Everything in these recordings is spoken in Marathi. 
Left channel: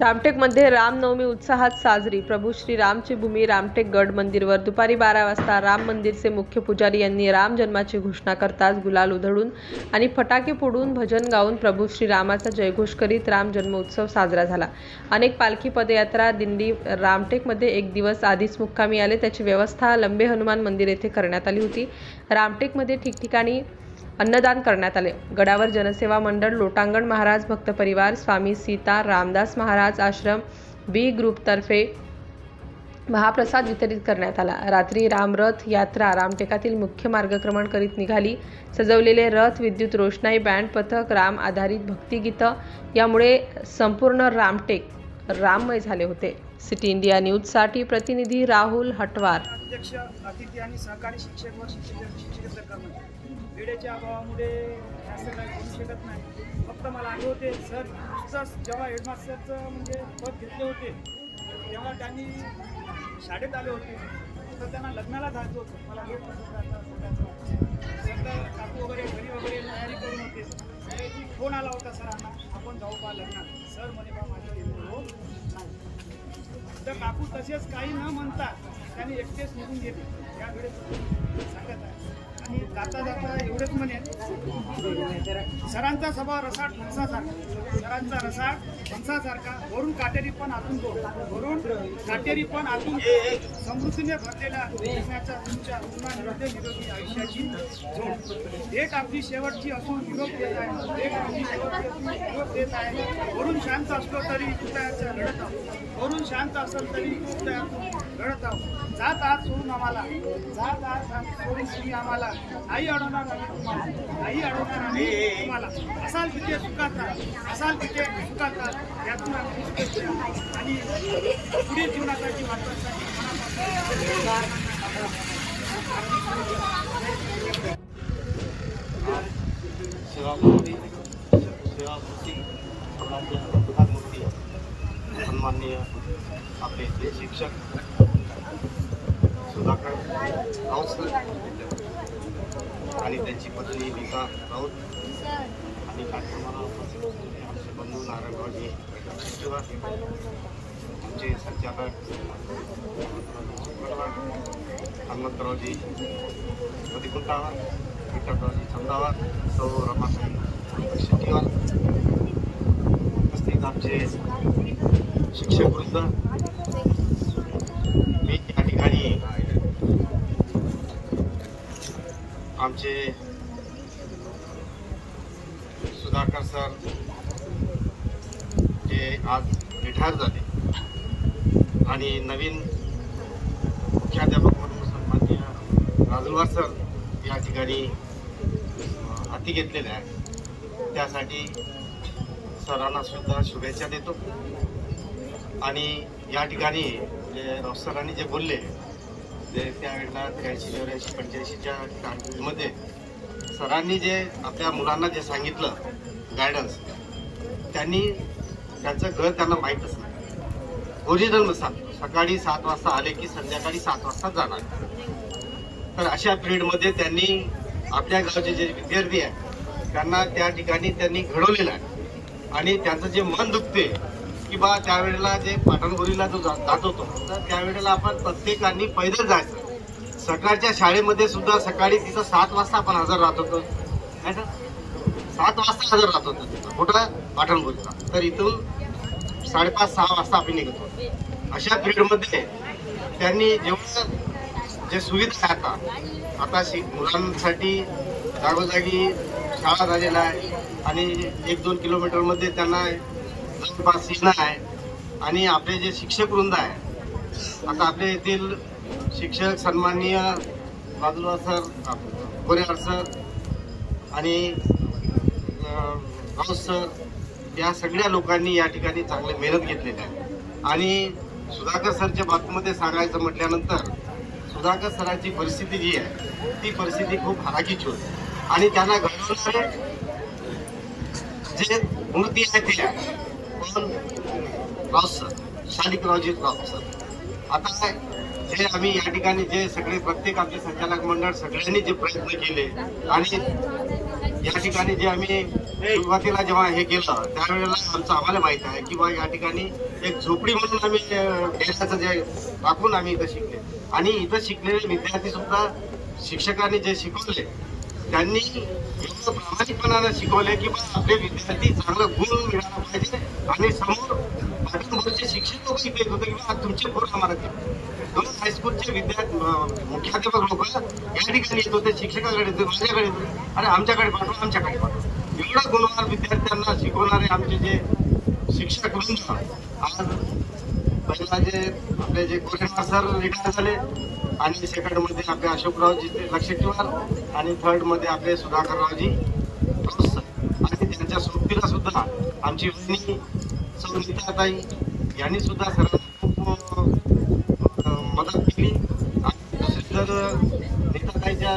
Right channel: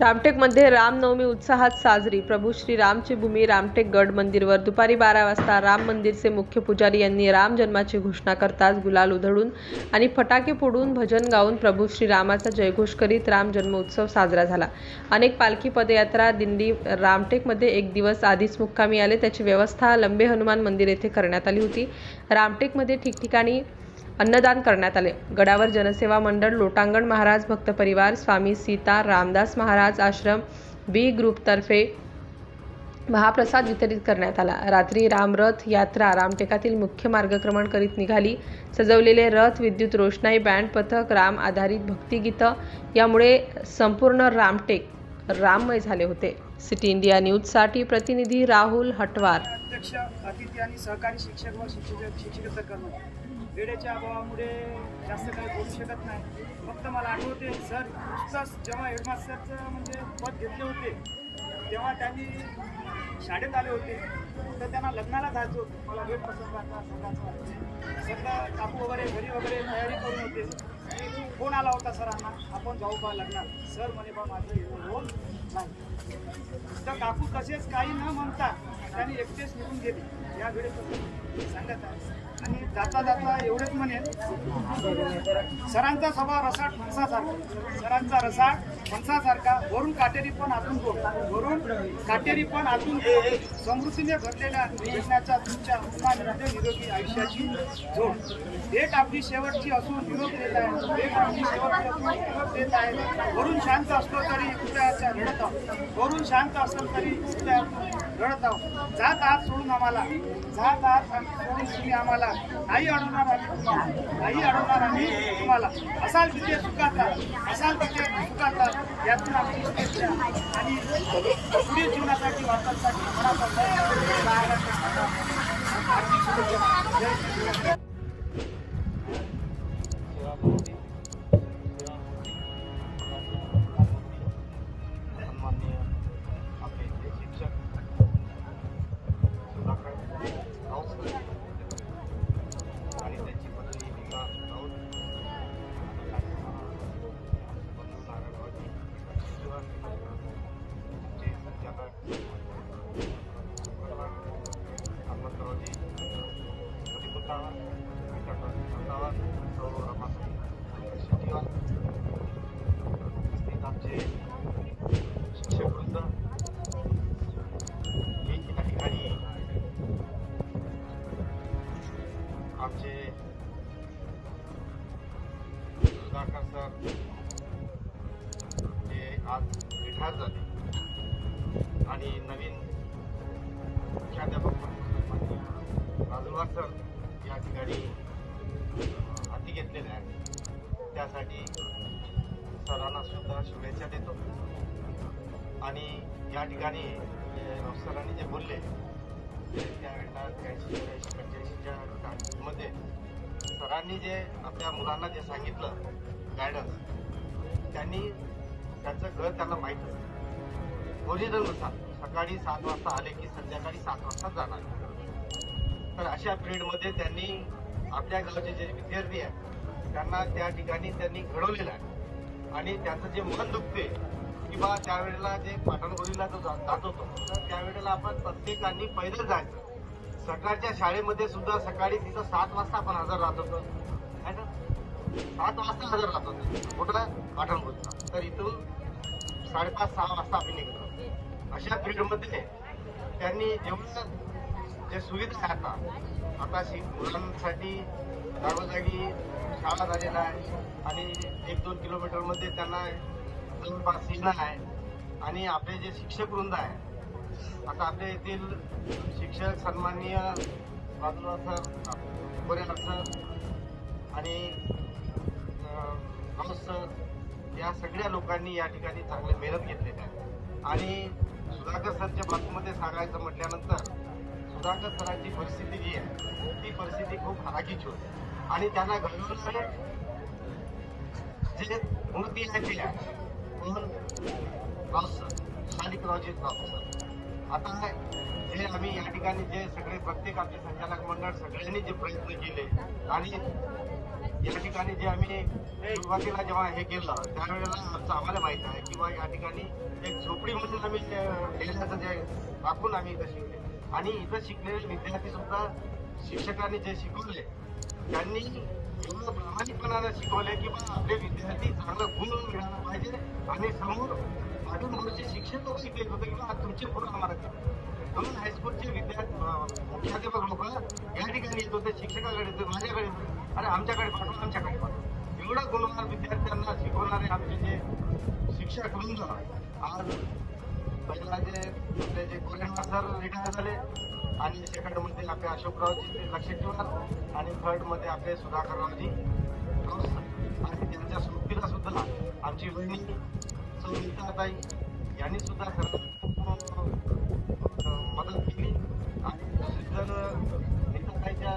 रामटेकमध्ये रामनवमी उत्साहात साजरी. प्रभू श्री रामची भूमी रामटेक गड मंदिरवर दुपारी बारा वाजता राम मंदिरचे मुख्य पुजारी यांनी राम जन्माची घोषणा करताच गुलाल उधळून आणि फटाके फोडून भजन गाऊन प्रभू श्री रामाचा जयघोष करीत राम जन्मोत्सव साजरा झाला. अनेक पालखी पदयात्रा दिंडी रामटेकमध्ये एक दिवस आधीच मुक्कामी आले. त्याची व्यवस्था लंबे हनुमान मंदिर येथे करण्यात आली होती. रामटेकमध्ये ठिकठिकाणी अन्नदान करण्यात आले. गडावर जनसेवा मंडळ लोटांगण महाराज भक्त परिवार स्वामी सीता रामदास महाराज आश्रम बी ग्रुपतर्फे महाप्रसाद वितरित करण्यात आला. रात्री रामरथ यात्रा रामटेकातील मुख्य मार्गक्रमण करीत निघाली. सजवलेले रथ विद्युत रोषणाई बँड पथक राम आधारित भक्तिगीतं यामुळे संपूर्ण रामटेक राममय झाले होते. सिटी इंडिया न्यूजसाठी प्रतिनिधी राहुल हटवार. अध्यक्ष अतिथी आणि सहकारी शिक्षक व शिक्षक कर्मचारी. वेळेच्या अभावामुळे जास्त काही बोलू शकत नाही. फक्त मला आठवते सर नुकताच जेव्हा हेडमास्टरचं म्हणजे पद घेतले होते तेव्हा त्यांनी शाळेत आले होते. तर त्यांना लग्नाला जायचं होतं. मला वेळ नसत सगळं काकू वगैरे घरी वगैरे तयारी करून होते. फोन आला होता सरांना आपण जाऊ का लग्नात. सर म्हणे बा माझं होत नाही. तर काकू तसेच काही न म्हणता आणि एकटेच निघून गेले. या वेळेस आणि जाता जाता एवढेच म्हणेल सरांचा स्वभाव रसाट फणसासारखा सरांचा रसाट फणसासारखा वरून काटेरी पण आतून गोड वरून काटेरी पण आतून समृद्धीने भरलेल्या जगण्याच्या तुमच्या उत्तम निरोगी आयुष्याची जोड. एक आपली शेवटची असून निरोप देत आहे. एक आपली शेवटची निरोप देत आहे. वरून शांत असलो तरी हृदयाच्या रडत आहोत. वरून शांत असलो तरी हृदयातून रडत आहोत. जात आहात सोडून आम्हाला. जात आहात सोडून तुम्ही आम्हाला. नाही अडवणार आम्ही तुम्हाला. नाही अडवणार आम्ही तुम्हाला. असाल तिथे सुखाचा. असाल तिथे सुखाचा. यातून आम्ही आणि पुढील जीवनासाठी वाटण्यासाठी आपले शिक्षक आणि त्यांची पत्नी नीता राऊत आणि कार्यक्रमाला बंधू आमचे संचालक हनुमंतरावजी प्रतिकुंटावर विठ्ठलरावजी छंदावर सौ रमासाई शेट्टीवर उपस्थित आमचे शिक्षक मी या ठिकाणी आमचे सुधाकर सर आज रिटायर झाले. आणि नवीन मुख्याध्यापक म्हणून सन्मान्य राजूवार सर या ठिकाणी हाती घेतलेल्या आहेत. त्यासाठी सरांना सुद्धा शुभेच्छा देतो. आणि या ठिकाणी जे सरांनी जे बोलले ते त्यावेळेला त्र्याऐंशी चौऱ्याऐंशी पंच्याऐंशीच्या काळामध्ये सरांनी जे आपल्या मुलांना जे सांगितलं गायडन्स त्यांनी त्यांचं घर त्यांना माहीतच नाही ओरिजिनलनुसार सकाळी सात वाजता आले की संध्याकाळी सात वाजता जाणार. तर अशा पिरियडमध्ये त्यांनी आपल्या गावचे जे विद्यार्थी आहेत त्यांना त्या ठिकाणी त्यांनी घडवलेलं आहे. आणि त्यांचं जे मन दुखते की बा त्यावेळेला जे पाटणबुरीला जो जा- जात होतो तर त्यावेळेला आपण प्रत्येकांनी पैदल जायचं. सकाळच्या शाळेमध्ये सुद्धा सकाळी तिथं सात वाजता आपण हजर राहत होतो. ना? सात वाजता हजर राहत होतो. कुठला पाटणबुरीला तर इथून साडेपाच सहा वाजता आम्ही निघतो. अशा पिरियडमध्ये त्यांनी जेवढं जे सुविधा आहे आता आता शि मुलांसाठी जागोजागी शाळा झालेला आहे आणि एक दोन किलोमीटरमध्ये त्यांना जवळपास सिग्नल आहे आणि आपले जे शिक्षक वृंद आहे आता आपल्या येथील शिक्षक सन्माननीय बाजूला सर कोरेकर सर आणि राऊत सर या सगळ्या लोकांनी या ठिकाणी चांगले मेहनत घेतलेली आहे. आणि सुधाकर सरच्या बाबतीमध्ये सांगायचं म्हटल्यानंतर सुधाकर सरांची परिस्थिती जी आहे ती परिस्थिती खूप हलाखीची होती. आणि त्यांना घडवणारे जे मूर्ती आहे ते कोण पण सर शालिकरावजी राव सर. आता जे आम्ही या ठिकाणी जे सगळे प्रत्येक आपले संचालक मंडळ सगळ्यांनी जे प्रयत्न केले आणि या ठिकाणी जे आम्ही सुरुवातीला जेव्हा हे केलं त्यावेळेला आमचं आम्हाला माहीत आहे की बा या ठिकाणी एक झोपडी म्हणून आम्ही अं, जे टाकून आम्ही इथं शिकले. आणि इथं शिकलेले विद्यार्थी सुद्धा शिक्षकांनी जे शिकवले त्यांनी एवढं प्रामाणिकपणानं शिकवले की बा आपले विद्यार्थी चांगलं गुण मिळाला पाहिजे आणि समोर पाठींवरचे शिक्षक लोक शिकले होते की बा तुमचे पोर आम्हाला द्या. हायस्कूलचे विद्यार्थी मुख्याध्यापक लोक या ठिकाणी येत होते शिक्षकाकडे येते माझ्याकडे येत अरे आमच्याकडे पाठवा आमच्याकडे पाठवा एवढं गुणवान विद्यार्थ्यांना शिकवणारे आमचे जे शिक्षक वृंद आज पहिला जे आपले जे कोरेगाव सर रिटायर झाले आणि सेकंडमध्ये आपले अशोकरावजी ते लक्षेटीवार आणि थर्डमध्ये आपले सुधाकररावजी राऊत आणि त्यांच्या सोबतीला सुद्धा आमची बहिणी सौमिताताई यांनी सुद्धा सर्व नीताताईच्या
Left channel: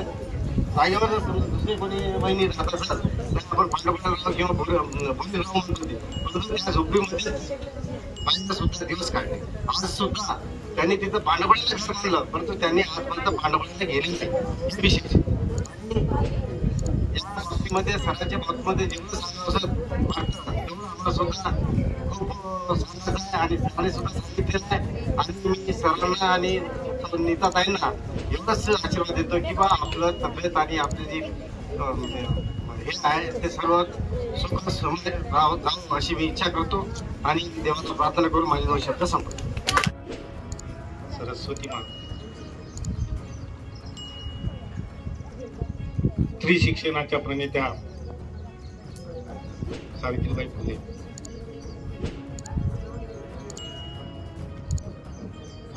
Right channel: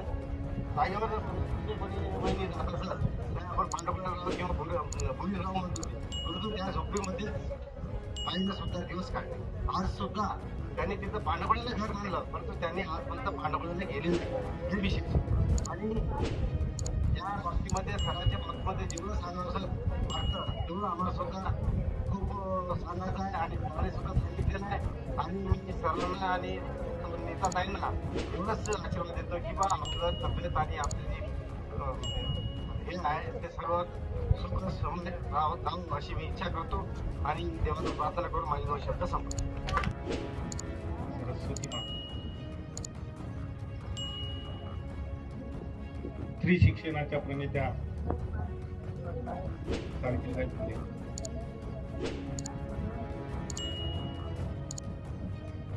जागेवर दुसरे कोणी बहिणी राहत असतात तर आपण पांडवराव किंवा भोलीराव म्हणतो ते. परंतु त्या झोपडीमध्ये पाहिजे सुद्धा दिवस काढले. आज सुद्धा त्यांनी तिथं पांडवळ्याला घर बांधलं. परंतु त्यांनी आजपर्यंत पांडवळ्याला गेले नाही. हे विशेष. आणि या बाबतीमध्ये सणाच्या बाबतीमध्ये जेवढं सांगावं वाटतं तेवढं आम्हाला सुद्धा खूप सांगायचं आहे आणि सरांनी सुद्धा सांगितलेलं आहे. आणि मी सरांना आणि नीताताईंना एवढंच आशीर्वाद देतो की बा आपलं तब्येत आणि आपले जे म्हणजे, हे आहे ते सर्व सुख समज राहत जाऊन अशी मी इच्छा करतो आणि देवाचं प्रार्थना करून माझे दोन शब्द संपतो. सरस्वती माता. स्त्री शिक्षणाच्या प्रणेत्या सावित्रीबाई फुले.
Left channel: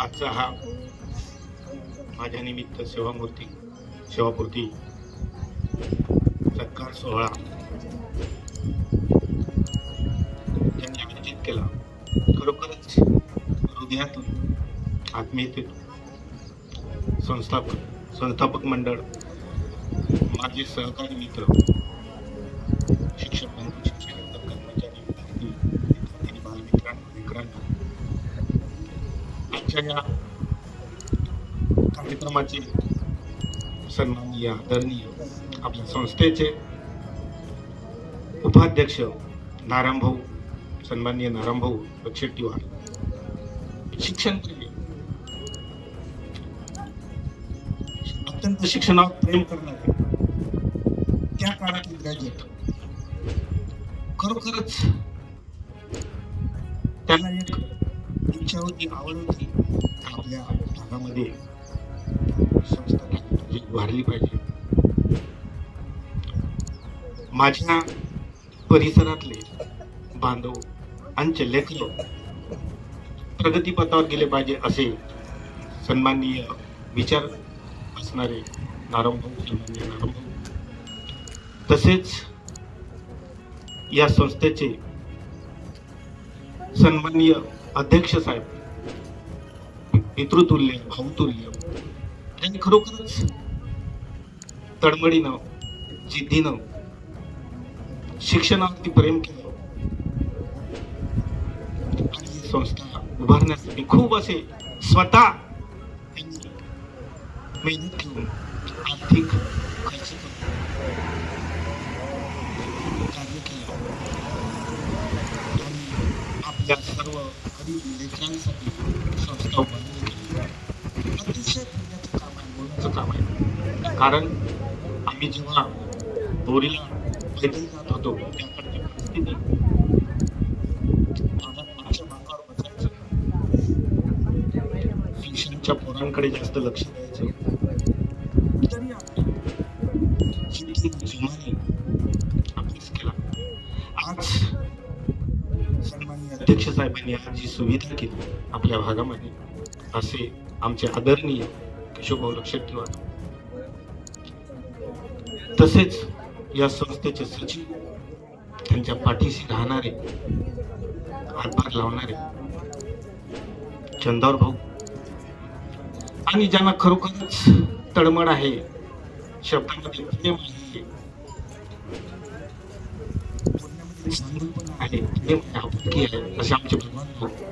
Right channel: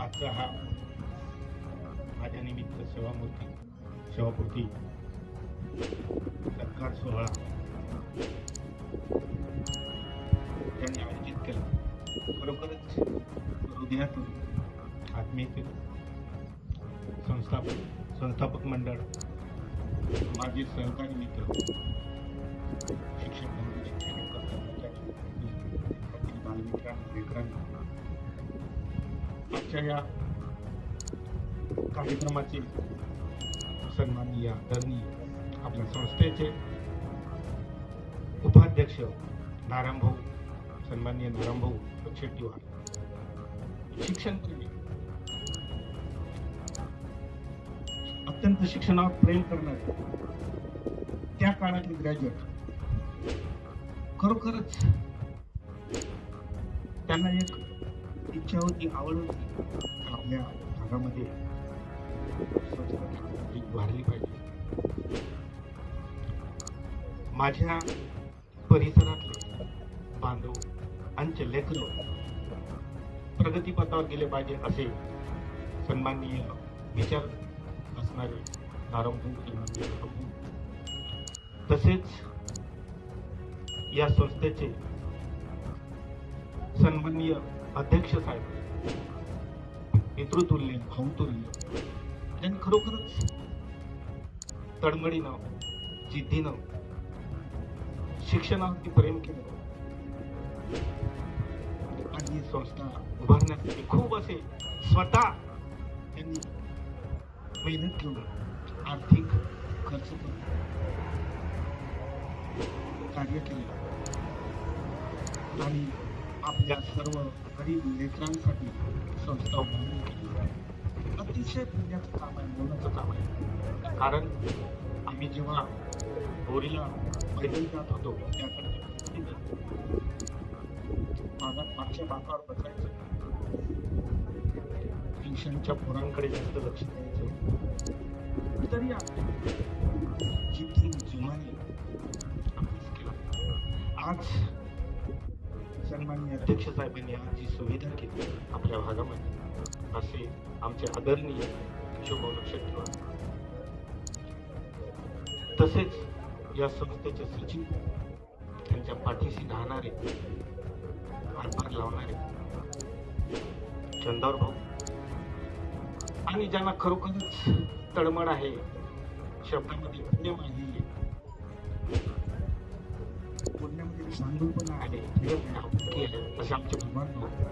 आजचा हा माझ्या निमित्त सेवामूर्ती सेवापूर्ती सत्कार सोहळा त्यांनी आयोजित केला. खरोखरच हृदयातून आत्मीयतेतून संस्थापक संस्थापक मंडळ माझे सहकारी मित्र शिक्षक बंधू शिक्षक कर्मचारी विद्यार्थी विद्यार्थी बालमित्रांना लेकरांनो आजच्या या कार्यक्रमाचे सन्माननीय आदरणीय आपल्या संस्थेचे उपाध्यक्ष नारायणभाऊ सन्माननीय नारायणभाऊ लक्षेट्टीवार शिक्षण अत्यंत शिक्षणावर प्रेम करणारे त्या काळातले ग्रॅज्युएट खरोखरच त्यांना एक इच्छा होती आवड होती आपल्या भागामध्ये संस्था वाढली पाहिजे. माझ्या परिसरातले बांधव आमचे लेखक प्रगतीपथावर गेले पाहिजे असे सन्माननीय विचार असणारे नारंभाऊ तसेच या संस्थेचे सन्माननीय अध्यक्ष साहेब पितृतुल्य भाऊतुल्य त्यांनी खरोखरच तडमडीनं जिद्दीनं शिक्षणावरती प्रेम केलं. आणि ही संस्था उभारण्यासाठी खूप असे स्वतः त्यांनी मेहनत घेऊन आर्थिक खर्च करून कार्य केलं. आणि आपल्या सर्व गरीब लेकरांसाठी संस्था उभारली अतिशय पुण्याचं काम आहे बोलण्याचं काम आहे कारण आम्ही जेव्हा बोरीला पैदल जात होतो त्याकडची परिस्थिती मागच्या बाकावर बसायचं. ट्युशनच्या पोरांकडे जास्त लक्ष द्यायचं. तरी आपण जुमाने अभ्यास केला आज सन्माननीय अध्यक्ष साहेबांनी आज जी सुविधा केली आपल्या भागामध्ये असे आमचे आदरणीय किशोर लक्षात ठेवा. तसेच या संस्थेचे सचिव त्यांच्या पाठीशी राहणारे हातभार लावणारे चंदावर भाऊ. आणि ज्यांना खरोखरच तळमळ आहे शब्दामध्ये प्रेम आहे बोलण्यामध्ये चांगलपणा आहे प्रेम आहे आपुलकी आहे असे आमचे भगवान भाऊ.